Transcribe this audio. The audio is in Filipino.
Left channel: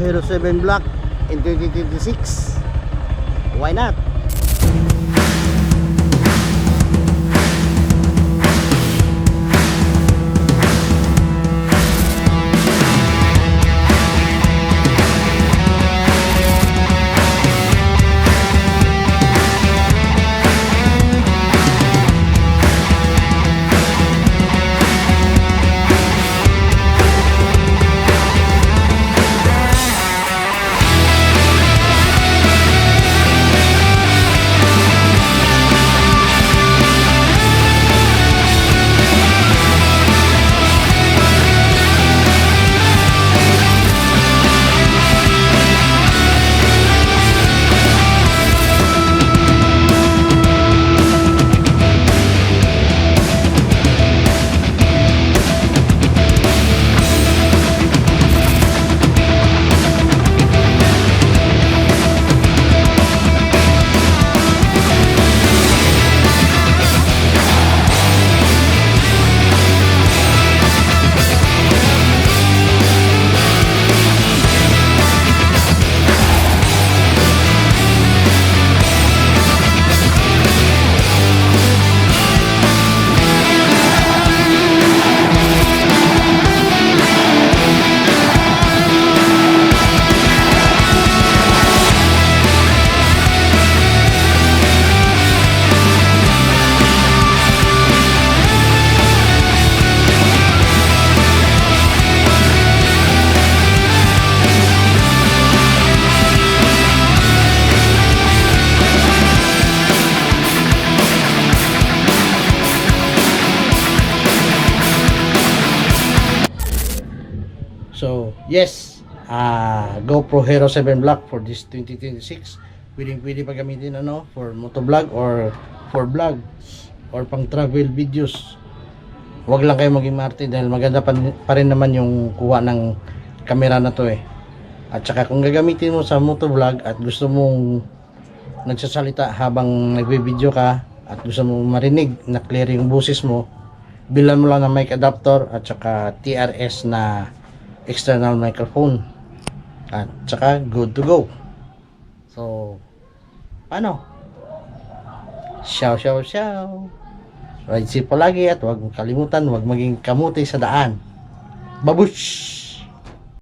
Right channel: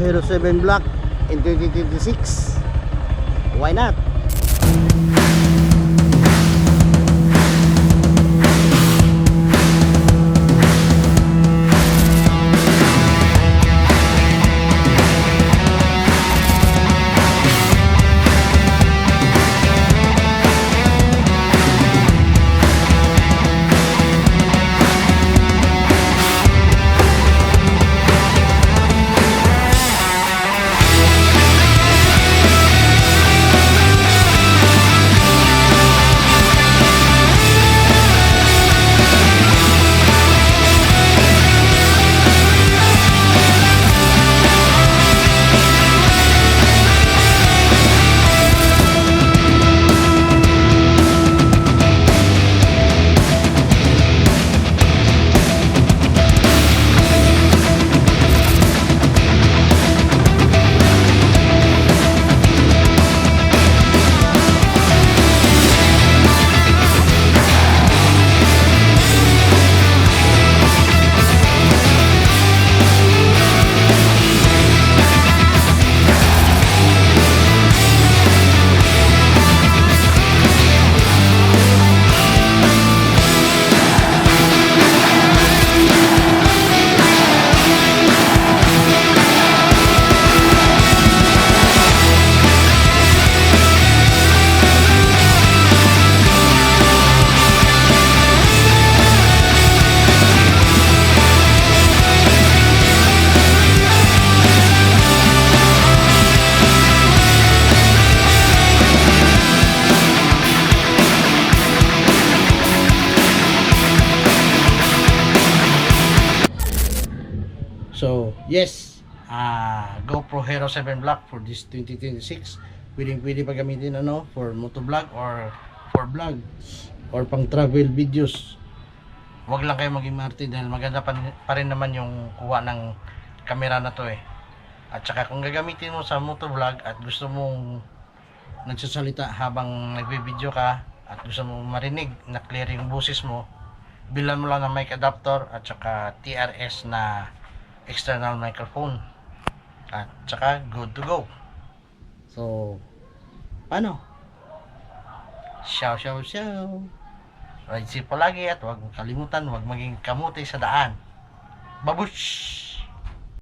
Hero 7 Black in 2026. Why not? So, yes, GoPro Hero 7 Black for this 2026. Pwede pa gamitin for motovlog or for vlog or pang travel videos. Huwag lang kayo maging marte dahil maganda pa rin naman yung kuha ng camera na to eh. At saka kung gagamitin mo sa motovlog at gusto mong nagsasalita habang nagbe-video ka at gusto mong marinig na clear yung boses mo, bilan mo lang ng mic adapter at saka TRS na external microphone at saka good to go. So paano? Ciao. Ride safe palagi at huwag kalimutan, huwag maging kamuti sa daan. Babush!